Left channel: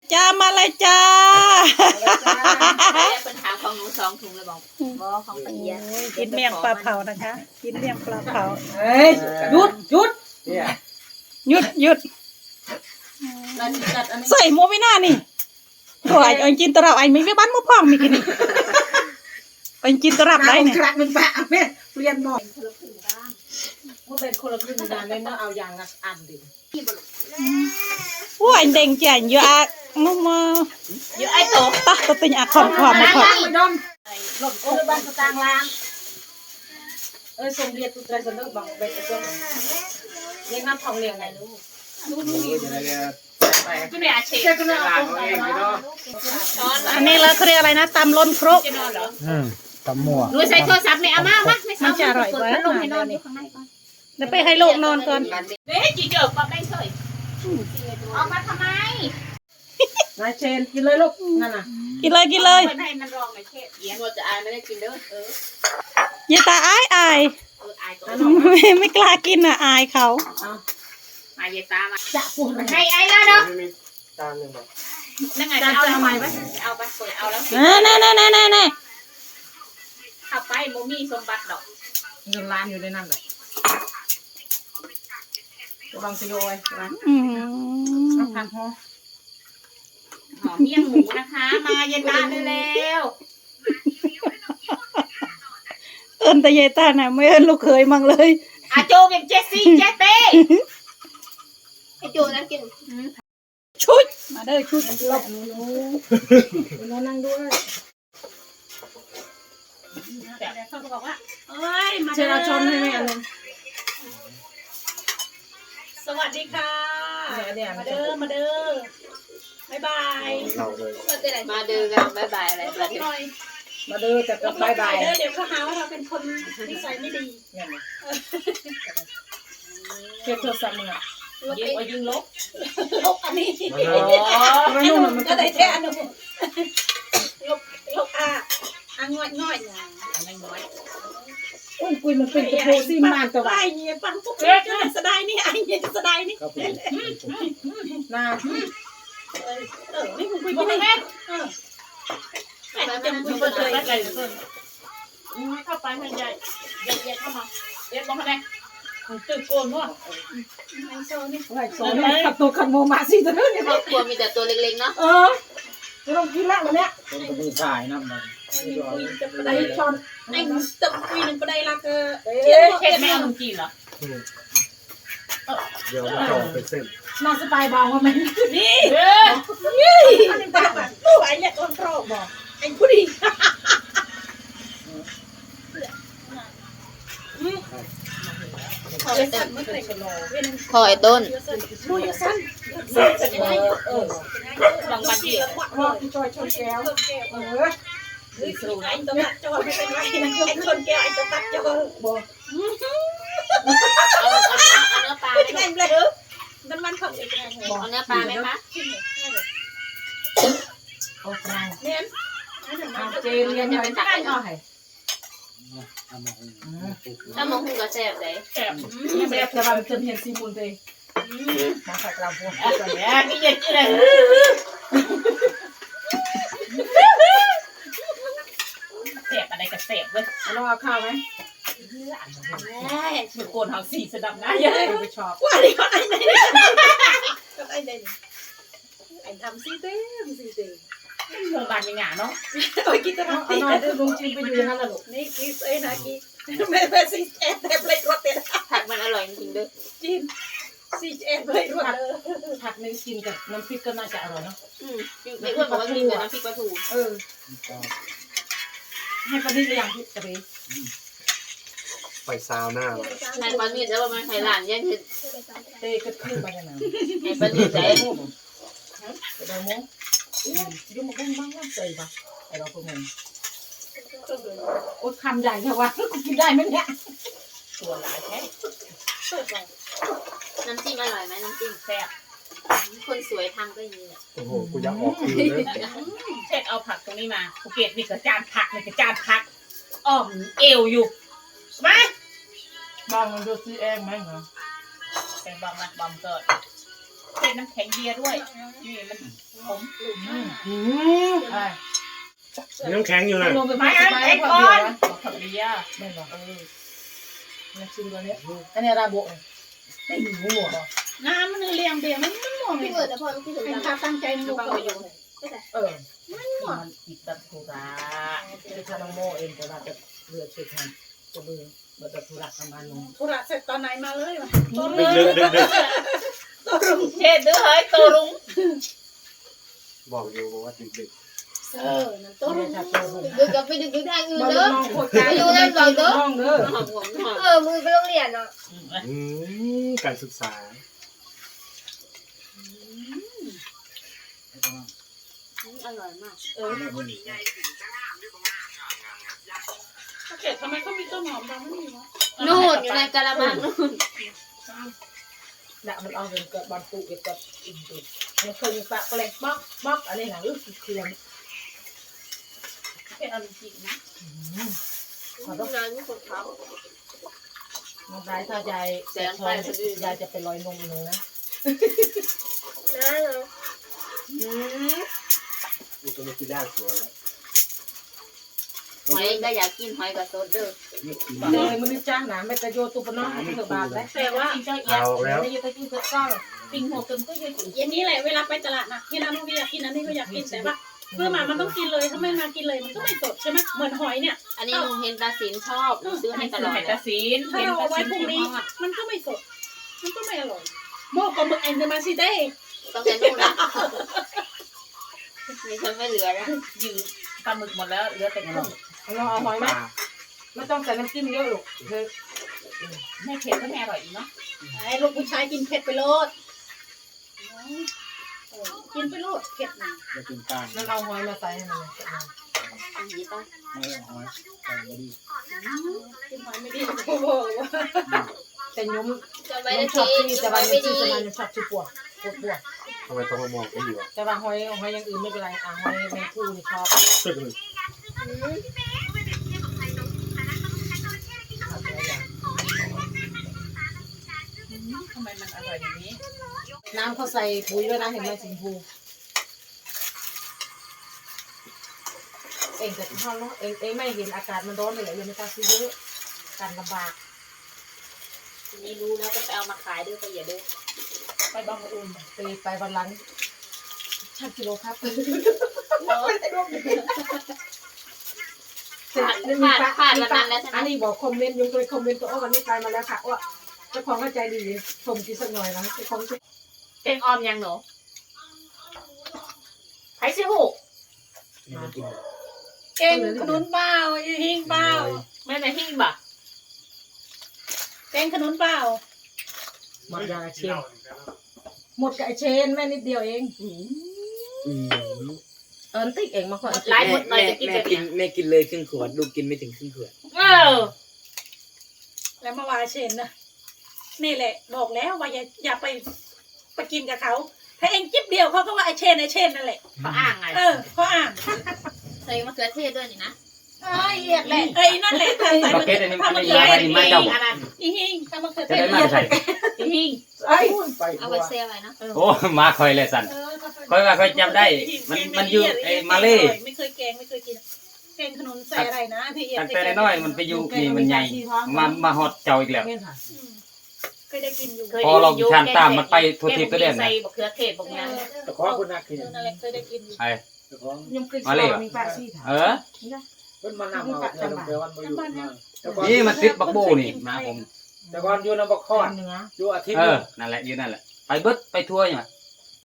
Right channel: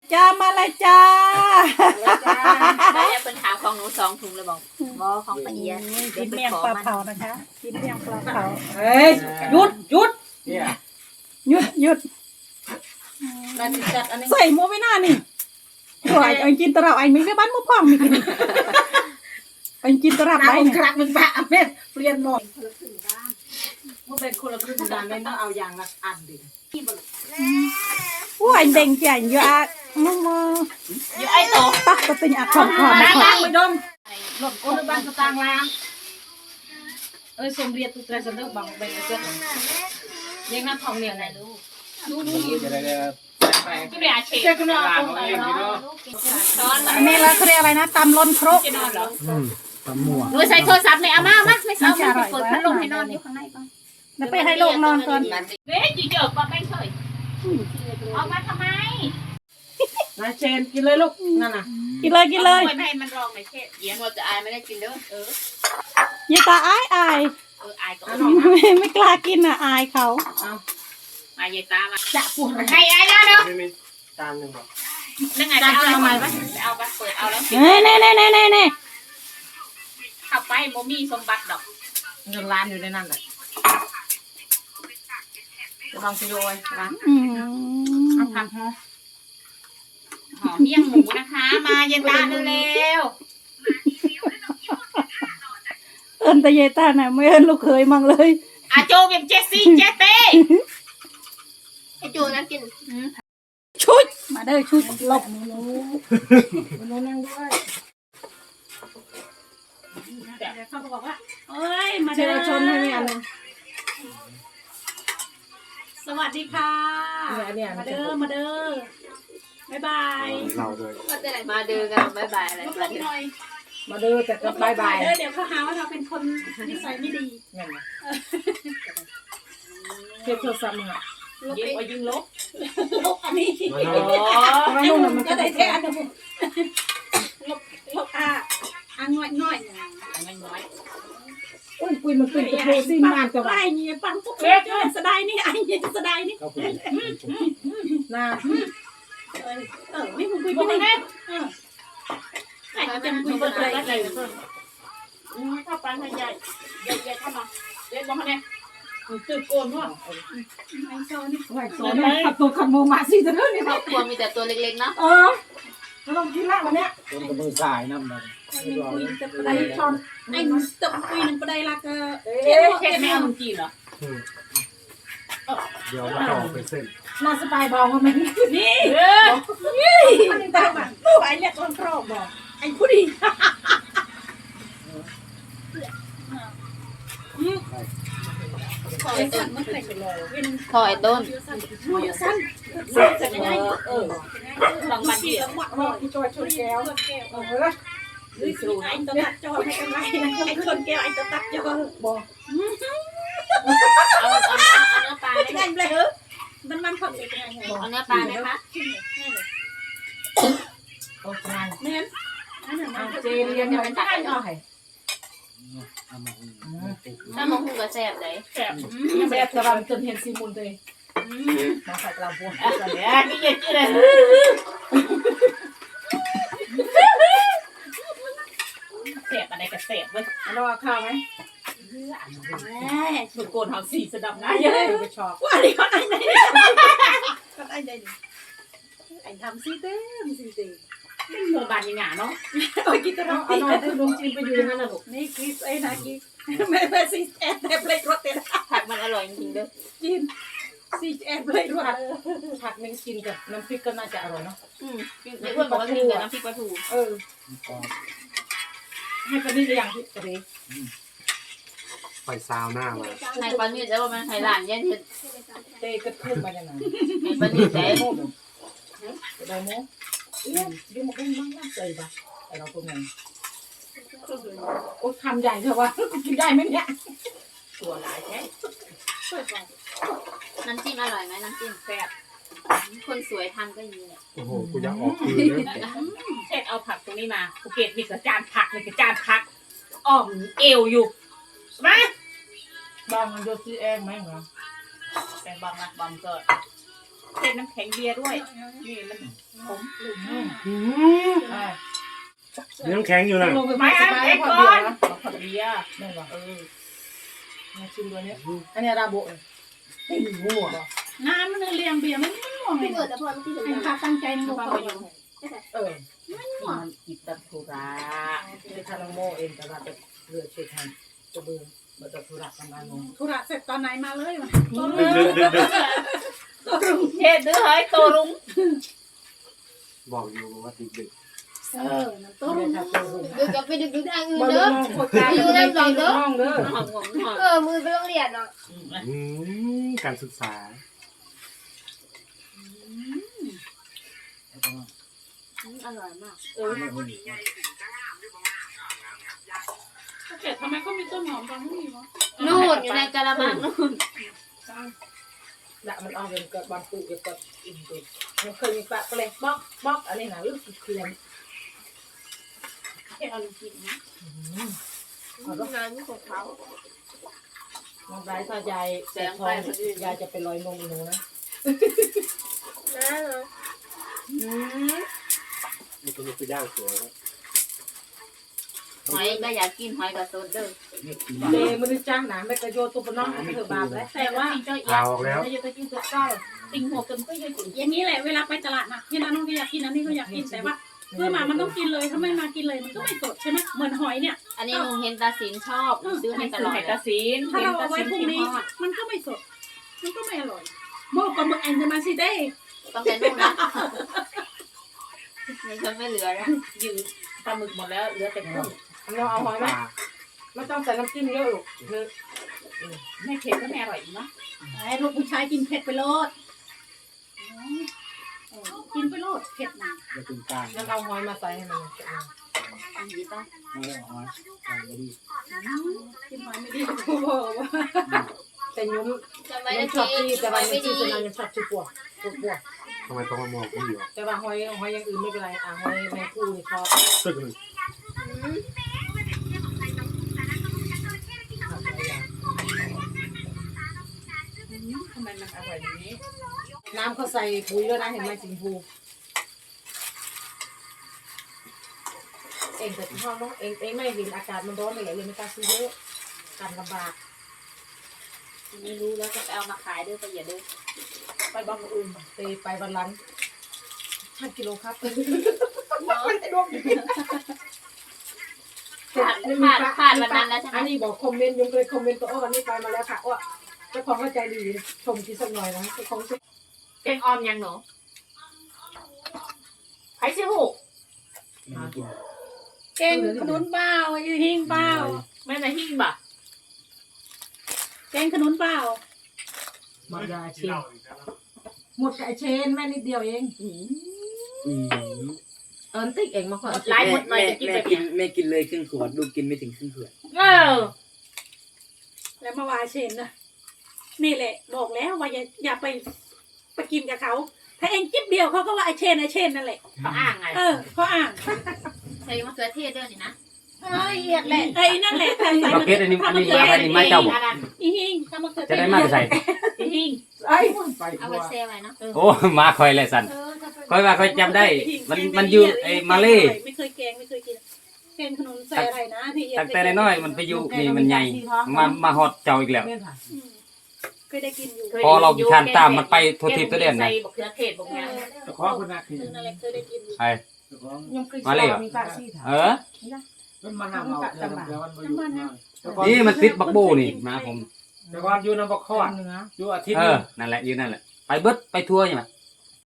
จ้ามาเลยจ้าเป็นหาของหนู2 ถุงเลยบอกของปะเอียดกินเมี่ยงปลาเผานะคะกินเมี่ยงปลาเผาเฮ้ยหยุดหยุดใส่หมูไม่น่านี่โอ้ยอันกินตะรับอันไม่บ้านมุพ่องมีกินอันกินตะรับได้เนี่ยครั้งหนึ่งปะแม่เปลี่ยนหมดมันเป็นคนละครึ่งนะไม่ต้องเอาอย่างละอันดิโอ้ยเด้งจ่ายเยอะมึงมาเยอะไอ้โตปะตัวติงอัดความมาขอไม่ดมหลบคนบ้านสตางค์ล้างสมเรียนตุตรสนุกบังเบนเจ้าเลี้ยงน้ำทองเลี้ยงไงลูกไม่ได้อาชีพอันนี้แล้วเขาเรียกอะไรนะตำล้นครกตำหมัวหนูใส่โทรศัพท์ไม่เอามาไม่เอาจะอร่อยกว่าลงให้นอนอยู่ข้างในก่อนเดี๋ยวไปให้ลูกนอนก่อนเฮ้ยจีเจอก่อนไม่เคยออกมาทำไมนายเชนกินเลยลูกนั่นน่ะกินเลยมันให้มันรองไม่เช่เย็นเราจะอายไม่ได้กินเด้อย่าตาอายอายก็ไม่กล้ากินอ่ะอายเขามาเยตามาจะปวดให้อายแล้วเนาะจานหนึ่งบอกนั่งไงจะเอาทำไมวะเอาไปเปิดเอาแล้วแน่เอาไปโมมี่สมบัติดอกเงินล้านอยู่ในนั้นแหละจะบังกิโลไว้ล้านเอาผักหอมเมี่ยงหมูนะคะมาเย็นตาเร็วเอิญแต่เยต้าน่ะไม่เอิญลูกเคยมั่งเลยอาโจเป็นเจสซี่เจเต้อาโจนั่งกินชุดมาเด้อชุดหลบหนูนั่งด้วยเขาบอกว่าเอ้ยมาเชิญชมให้แม่เลยสวัสดีค่ะมาเด้อบ๊ายบายมาเด้อกันบ๊ายบายอะไรมาเด้อแต่ก็บ๊ายบายเดี๋ยวเขาหาว่าเราเป็นคนนิสัยไม่ดีนั่นไงเช็ดโทรศัพท์มึงอ่ะยิงลบอันนี้มันก็ได้แท้อันนึงลบง่อยไม่น้อยโอ้ยคุยมันเป็นกระโปรงซีมันตัวไอ้เนี่ยปังปุ๊บสดายนี่ไอ้เนี่ยสดายนี่น่านี่มึงคุยกันไหมจะคุยกันเลยได้เลยเพิ่มเข้าไปให้ใหญ่เข้ามาเด็กบอกให้ตื่นโกนว่ะไอ้โซ่นี่ไอ้โซ่นี่ขับตัวขับโมมาสิจะเท่านี้ครอบครัวมีแต่ตัวเล็กๆนะไม่ต้องกินละวันเนี้ยตัวมือสายน้ำมันคุยจะประเดี๋ยวชนไอ้ตบคุยหนึ่งประเดี๋ยวละก็เช็ดแม่มึงกินเหรอเดี๋ยวมาต่อไปเส้นน่าสบายเบาไหมนี่อันนี้ตาบัดผู้ไอ้เนี่ยคนครอบบอกไอ้ผู้ดีถอยต้นดูอยู่สั้นบางวันที่จอยชนแก้วไอ้ตัวตัดจอไม่เป็นไรนะไอ้ชนแก้วไอ้ตัวตัดจอบอกเอาเนื้อปลาไม่ได้เลยมันผักเป็นไงเอาเนื้อปลาไหมคะโอ้ยเน้นเจเรียนยังไม่ได้หน่อยถ้ามองหูกระแสบเลยแสบกระบำจนเห็นซีมุนเลยมาใส่กระบำอะไรเนี่ยนี่เด็กเลยเสบอะไรกับเสบเว้ยเราเอาข้าวไหมสุดโกนทางสีสะดับนะเยอะไปชอบว่าดิก็ไอ้ไหนก็ไอ้ไหนไอ้ทำซีเต้โรงพยาบาลยังหงาเนาะโอ้ยกินตลอดเอาหน่อยลุงจีนไปอยู่อย่างนั้นแหละลูกนี่กินไอ้นากิไม่ซีแอนแต่เลยรสเด็ดผักมันอร่อยจริงๆด้วยจีนซีแอนเลยรสผักไม่กินกับน้ำพริกก็น่าจะอร่อยเนาะในอ้วนบอกว่ากินกับน้ำพริกปลาทูให้ปลาดิบอย่างที่กระเบยไปซาวหน้าเลยให้ปลาดิบแล้วว่ามันไข่หลานยันเห็ดเตะกระทืบไปยังไงให้ปลาดิบได้ได้โม่ยุ่งมาเล่นบ้างว่าใส่ปะไอเราตัวเงินโอ้คำใหญ่จังวะกูกินได้ไหมเนี่ยตัวหลายแท้น้ำจิ้มอร่อยไหมน้ำจิ้มแซ่บคนสวยทำก็อย่างนี้แหละโอ้โหกูอยากออกคืนเลยเช็ดเอาผักตรงนี้มาภูเก็ตมีกระจานผักมีกระจานผักอ้อมเอวอยู่มาบางมันโดนซีเองไหมเหรอเป็นบางนะบางเกิดเป็นน้ำแข็งเบียร์ด้วยนี่มันผมน้ำแข็งอยู่นะลงไปไม่ไม่น้ำไม่แข็งพอก่เบีอยร์นนะผักเบียร์ไม่หรอมาชิมตัวนี้อันนี้ราโบะนี่หัวน้ำมันเรียงเบียร์มันม่วงเลพี่ยเกิดแต่พอพี่ถึงไอ้ข้าตั้งใจในมุกเขาอยู่มันอิดตัดธุระเป็นชาโนโมเองแต่ว่าจะเลือดช่วยทำตัวเบื่อมาจากธุระทำงานลงธุระเสร็จตอนไหนมาเลยวะดึกเทศดื้อเฮ้ยโตรุงบอกอยู่ว่าดึกนั่นตัวรุ่งดึกกับไปดึกทางอื่นมาลูเด้กอน้องโคตรการอยู่ในใจน้องเด้อมือไปโรงเรียนอ่ะการศึกษาอร่อยมากเก็ดทำไมเขามีต้นหอมจังไม่มีวะนู่นอยู่ในกะละมังนู่นน่ะมันเอาเงินกับบอลตุกับอินตุมันเคยมีปะเปลกบ๊อกอะไรนะรู้สึกเครื่องเทศเอาจริงนะงานนี้ของเขาน้องไบร์ทถ้ายายแสงทองยายจะไปลอยนมอีหนูนะนะเนาะนี่ก็ไม่คือย่างสวยแล้วหอยก็อยากกินหอยกับโซดเด้อเดมันจ้าหนาไม่กระโยตุปน้องเธอบาปแล้วแต่ว่าจริงๆเอาแล้วไม่อยู่ตะกี้เธอก็ติงหัวเกิมก็ยังถึงอย่างนี้แหละเวลาไปตลาดนะที่นั่นน้องพี่อยากกินอันนี้ก็อยากกินแต่ว่าเพื่อมามันต้องกินเลยถ้าไม่มากินเลยมันก็ไม่สดใช่ไหมเหมือนหอยเนี่ยอันนี้ลุงเห็นตาสินชอบซื้อให้ตลอดไข่ตาซีนถ้าเราเอาไว้พรุ่งนี้มันก็ไม่สดมันก็ไม่อร่อยหม้อปลาหมึกแอนเดอร์มาซิเด้ต้องใช้นู่นนะมีคนไม่เหลือแล้วยืดปลาหมึกหมดแล้วเหลือแต่กุ้งเราเอาหอยไหมไม่ต้องใส่น้ำจิ้มเยอะหรอกเธอไม่เผ็ดก็ไม่อร่อยอีกเนาะไอ้ลูกผู้ชายกินเผ็ดไปโลดกินไปโลดเผ็ดนะจะเป็นกลางนั่นเอาหอยมาใส่ให้มันอันนี้ต้องไม่เอาไว้กลางไม่ดีกินหอยไม่ดีโอ้โหแต่ยุ้มจะไม่ไม่ได้ชอบกินที่แต่จะว่าไม่ชื่ดีอสนานชอบชื่อปวดทำไมต้องมามองกันอยู่อ่ะแต่ว่าหอยอย่างอื่นไม่เป็นไรหอยแมงคู่นี่ชอบตึกหนึ่งทำไมมันอร่อยอย่างนี้น้ำเขาใส่ปุ๋ยด้วยนะเห็นไหมสิงพูเองแต่ที่ห้องน้องเองไม่เห็นอากาศมันร้อนเลยเลยไม่กล้าซื้อเยอะการลำบากนี่รู้แล้วก็ไปเอามาขายด้วยประหยัดด้วยไปบางอื่นไปวันหลังช่างกิโลครับผ่านวันนั้นแล้วใช่ไหมอันนี้บอกคอมเมนต์ยุงเลยคอมเมนต์ตัววันนี้ไปมาแล้วค่ะว่าเจ้าของเข้าใจดีชมกินสักหน่อยนะเจ้าของเต็งออมยังหนูไผ่ซิหูนี่มันกินเก่งขนุนเปล่าหิ้งเปล่าแม่ในหิ้งบ่ะเก่งขนุนเปล่าหมดยาเชนหมดกับไอเชนแม่นิดเดียวเองติ๊กเองมาก่อนไล่หมดหน่อยจะกินแบบกินแม่กินเลยครึ่งขวดลูกกินไม่ถึงครึ่งขวดเออแล้วมาวาเชนนะนี่แหละบอกแล้วว่าอย่าไปกินกับเขาถ้าเองจิ๊บเดียวเขาก็ว่าไอเชนนั่นแหละเขาอ้างไงเขาอ่านใส่มะเขือเทศด้วยนี่นะเอียดแหละนั่นแหละถ้าใส่มันถ้ามันเกิดอันเป็นนี้หิ้งอันนั้นหิ้งถ้ามันเกิดจะเป็นได้มาใส่หิ้งไอ้ไปเอาไว้แช่ไว้เนาะโอ้มาคอยเลยสันคอยว่าคอยจำได้ มันอยู่ไอ้มาเล่ไม่เคยแกงไม่เคยกินแกงขนมใส่อะไรนะพี่เอียดตั้งแต่น้อยมันไปอยู่นี่มันใหญ่มาฮอดเจ้าอีกแล้วเคยได้กินอยู่พอเราทานตามมันไปทั่วทิศทั่วแดนนะใส่บะเขือเทศบางอย่างตะขอคนนักกินนั่นแหละเคยได้กินอยู่ไอ้ตะขอยังเคยมีปลาซี่ค่ะเออเป็นมันนำเอาแต่มันอยู่นี่มันติดบักโบนี่นะผมแต่ก่อนอยู่น้ำบักคอดเนื้ออยู่อาทิตย์เอนึอง นั่นแหละอยู่นั่นแหละไปเบิดไปทั่วอย่าง